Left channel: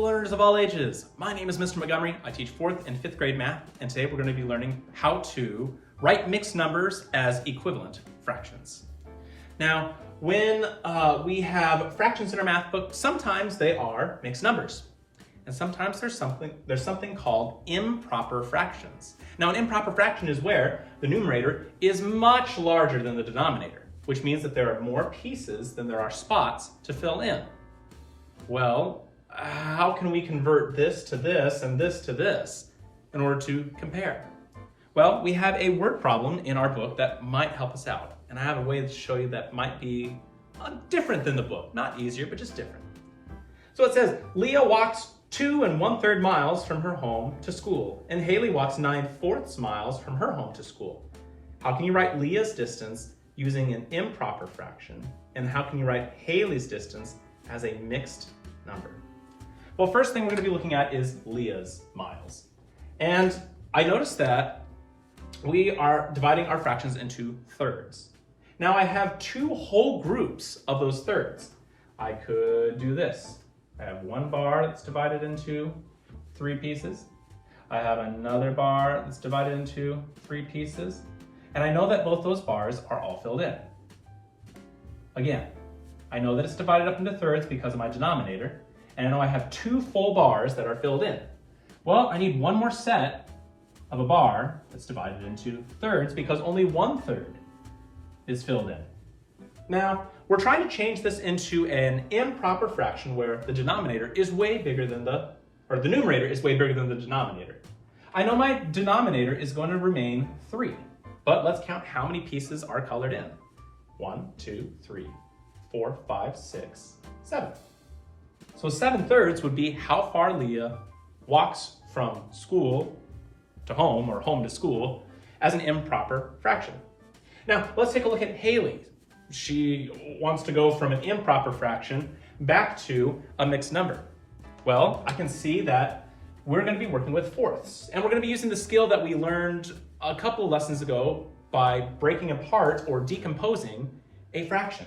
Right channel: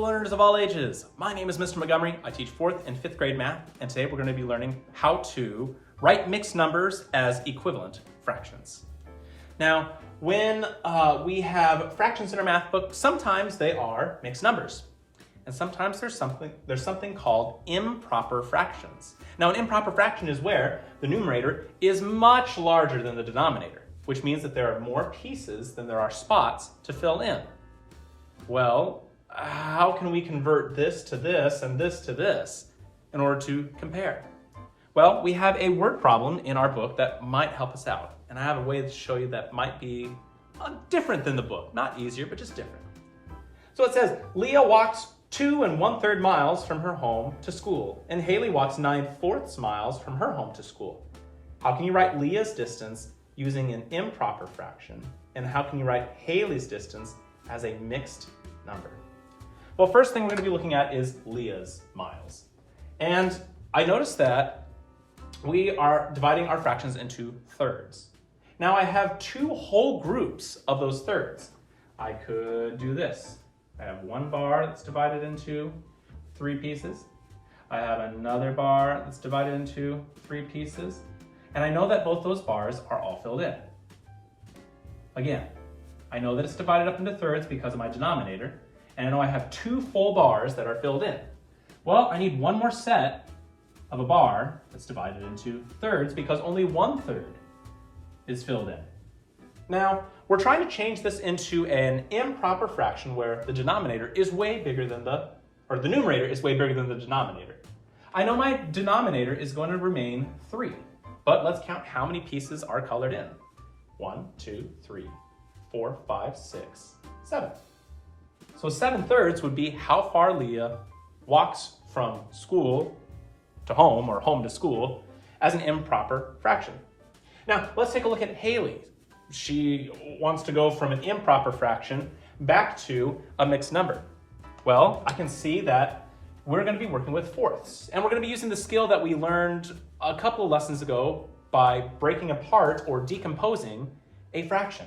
learners of all ages. My name is Mr. Montgomery. I teach 4th and 5th grade math, and today we're going to be learning how to write mixed numbers as equivalent fractions. Now, when we have fractions in our math book, sometimes they are mixed numbers, and sometimes there's something called improper fractions. Now, an improper fraction is where the numerator is much larger than the denominator, which means that there are more pieces than there are spots to fill in. Well, how can we convert this to this and this to this in order to compare? Well, we have a word problem in our book that might help us out. And I have a way to show you that might be different than the book. Not easier, but just different. So it says, Leah walks 2 1/3 miles from her home to school, and Haley walks 9/4 miles from her home to school. How can you write Leah's distance using an improper fraction? And how can you write Haley's distance as a mixed number? Well, first thing we're going to be looking at is Leah's miles. And I noticed that we are dividing our fractions into thirds. Now I have two whole groups of those thirds. I could do this. I have one bar that's divided into 3 pieces. I have another bar that's divided into 3 pieces. And I know that both those bars are all filled in. Again, I know that it's divided up into thirds because of my denominator, and I know I have 2 full bars that are filled in. Well, I need one more set of a bar that's divided into thirds because only 1/3 is filled in. Now, we're trying to change this into an improper fraction where the denominator is way bigger than the numerator is way bigger than the denominator. I know my denominator is going to remain 3, but let's count how many pieces are colored in. 1, 2, 3, 4, 5, 6, 7. So 7/3 would be how far Leah walks from school to home or home to school as an improper fraction. Now, let's take a look at Haley. She wants to go from an improper fraction back to a mixed number. Well, I can see that we're going to be working with fourths, and we're going to be using the skill that we learned a couple of lessons ago by breaking apart or decomposing a fraction.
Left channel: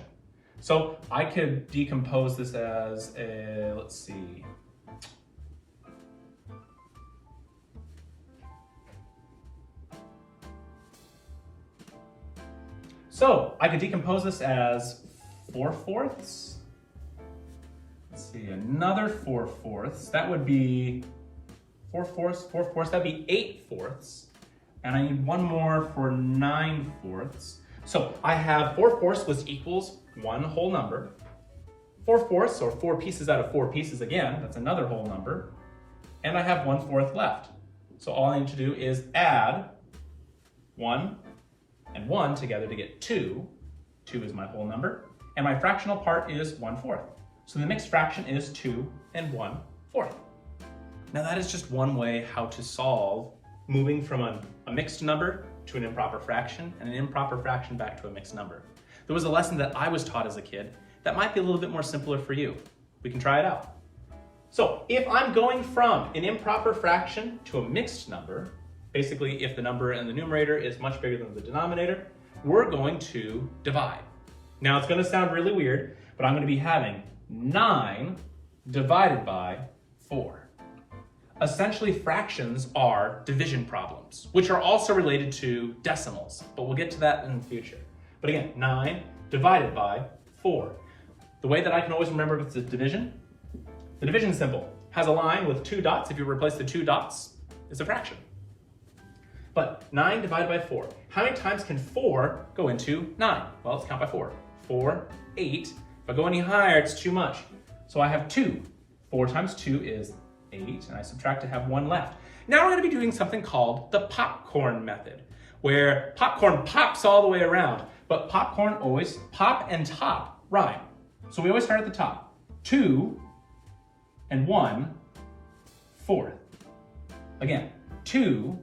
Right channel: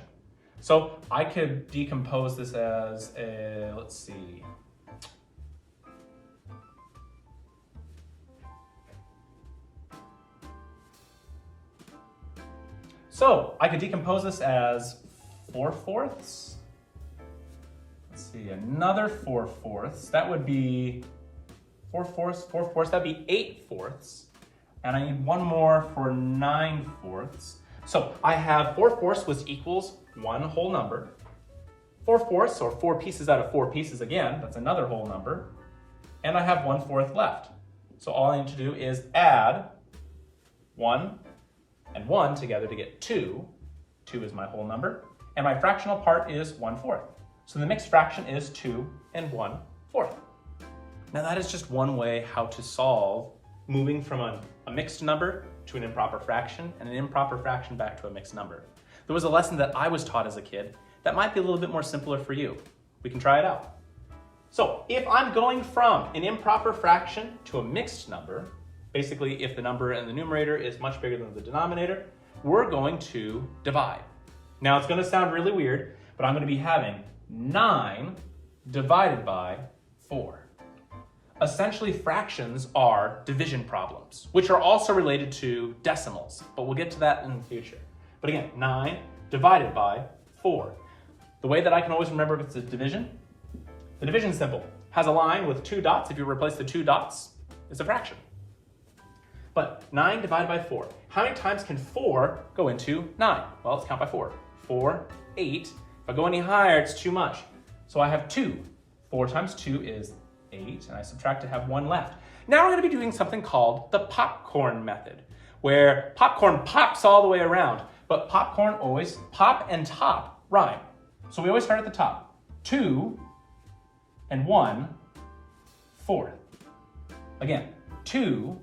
So I could decompose this as a, let's see. So I could decompose this as 4/4. Let's see, another 4/4. That would be 4/4, that'd be 8/4. And I need one more for 9/4. So I have 4/4, which equals one whole number. 4/4, or 4 pieces out of 4 pieces again, that's another whole number. And I have 1/4 left. So all I need to do is add 1 and 1 together to get 2. 2 is my whole number. And my fractional part is 1/4. So the mixed fraction is 2 1/4. Now that is just one way how to solve moving from a mixed number to an improper fraction, and an improper fraction back to a mixed number. There was a lesson that I was taught as a kid that might be a little bit more simpler for you. We can try it out. So if I'm going from an improper fraction to a mixed number, basically if the number in the numerator is much bigger than the denominator, we're going to divide. Now it's going to sound really weird, but I'm going to be having 9 divided by 4. Essentially, fractions are division problems, which are also related to decimals, but we'll get to that in the future. But again, 9 divided by 4. The way that I can always remember if it's a division, the division is simple. Has a line with 2 dots. If you replace the 2 dots, it's a fraction. But 9 divided by 4. How many times can 4 go into 9? Well, let's count by 4. 4, 8. If I go any higher, it's too much. So I have 2. 4 times 2 is 8, and I subtract to have 1 left. Now we're going to be doing something called the popcorn method, where popcorn pops all the way around, but popcorn always, pop and top rhyme. So we always start at the top. 2 and 1/4. Again, 2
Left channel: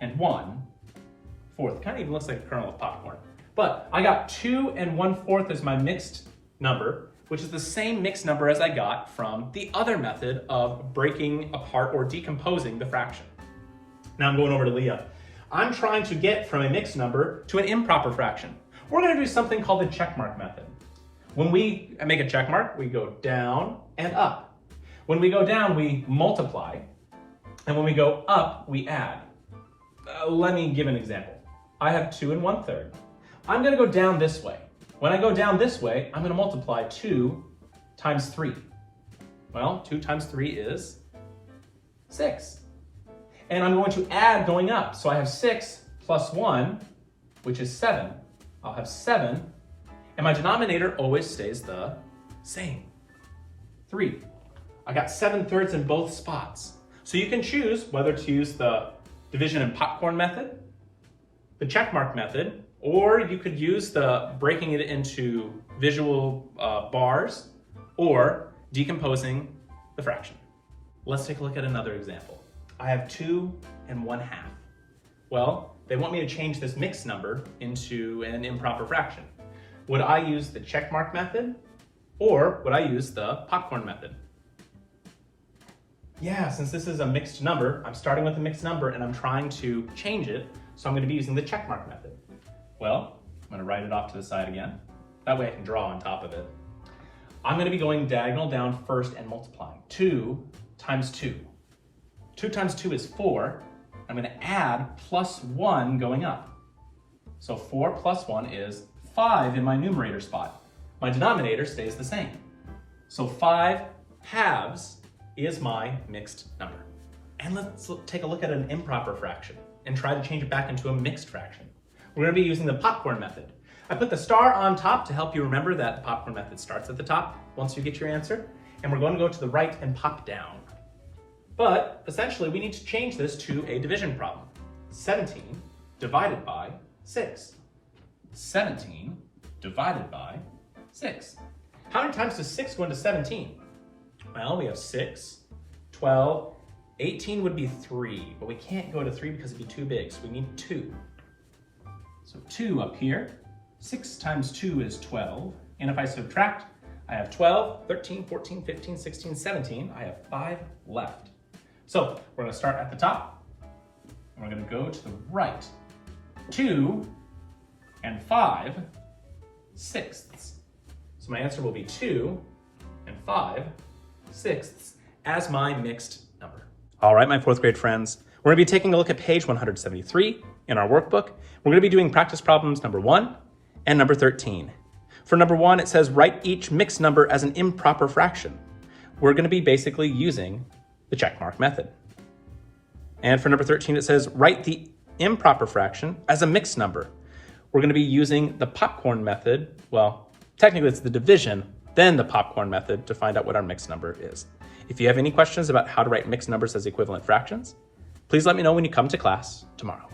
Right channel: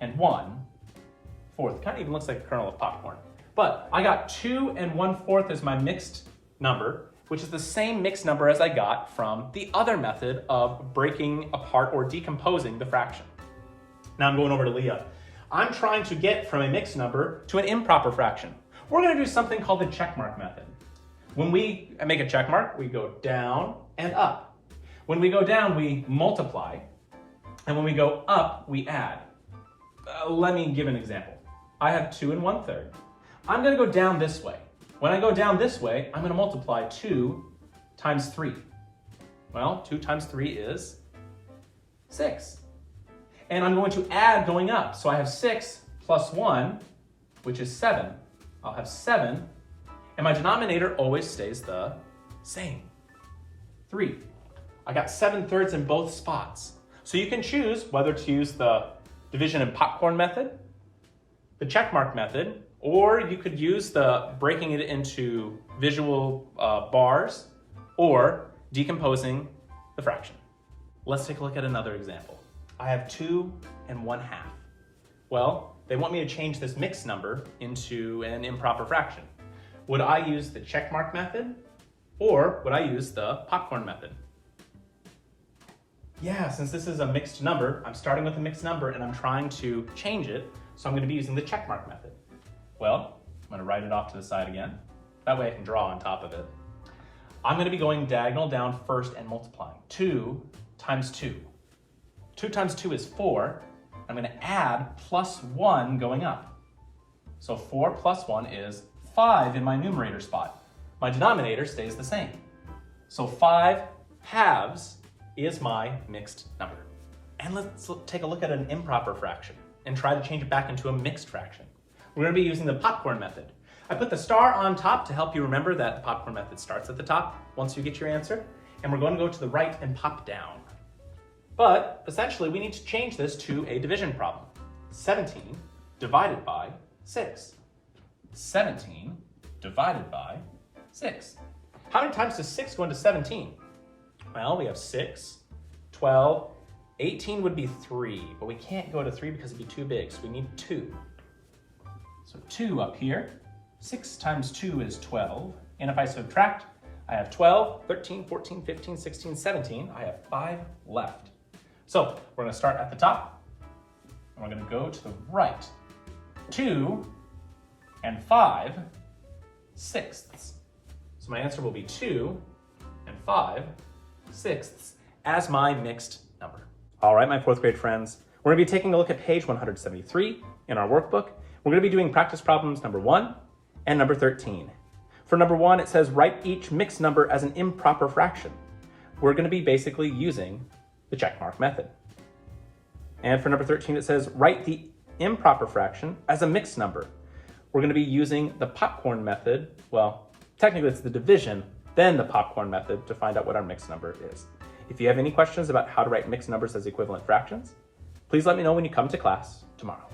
and 1/4. Kind of even looks like a kernel of popcorn. But I got 2 and 1/4 as my mixed number, which is the same mixed number as I got from the other method of breaking apart or decomposing the fraction. Now I'm going over to Leah. I'm trying to get from a mixed number to an improper fraction. We're going to do something called the checkmark method. When we make a check mark, we go down and up. When we go down, we multiply. And when we go up, we add. Let me give an example. I have 2 1/3. I'm going to go down this way. When I go down this way, I'm going to multiply 2 times 3. Well, 2 times 3 is 6. And I'm going to add going up. So I have 6 plus 1, which is 7. I'll have 7. And my denominator always stays the same. 3. I got 7/3 in both spots. So you can choose whether to use the division and popcorn method, the checkmark method, or you could use the breaking it into visual bars or decomposing the fraction. Let's take a look at another example. I have 2 1/2. Well, they want me to change this mixed number into an improper fraction. Would I use the checkmark method or would I use the popcorn method? Yeah, since this is a mixed number, I'm starting with a mixed number and I'm trying to change it, so I'm going to be using the checkmark method. Well, I'm going to write it off to the side again. That way I can draw on top of it. I'm going to be going diagonal down first and multiplying. 2 times 2. 2 times 2 is 4. I'm going to add plus 1 going up. So 4 plus 1 is 5 in my numerator spot. My denominator stays the same. So 5 halves is my mixed number. And let's take a look at an improper fraction and try to change it back into a mixed fraction. We're going to be using the popcorn method. I put the star on top to help you remember that the popcorn method starts at the top once you get your answer, and we're going to go to the right and pop down. But essentially, we need to change this to a division problem. 17 divided by 6. 17 divided by 6. How many times does 6 go into 17? Well, we have 6, 12, 18 would be 3, but we can't go to 3 because it'd be too big, so we need 2. So 2 up here, 6 times 2 is 12, and if I subtract, I have 12, 13, 14, 15, 16, 17, I have 5 left. So we're going to start at the top, and we're going to go to the right. 2 and 5 sixths. So my answer will be 2 and 5 sixths as my mixed number. All right, my 4th grade friends, we're going to be taking a look at page 173 in our workbook. We're going to be doing practice problems number 1 and number 13. For number 1, it says write each mixed number as an improper fraction. We're going to be basically using the checkmark method. And for number 13, it says write the improper fraction as a mixed number. We're going to be using the popcorn method. Well, technically it's the division, then the popcorn method to find out what our mixed number is. If you have any questions about how to write mixed numbers as equivalent fractions, please let me know when you come to class tomorrow.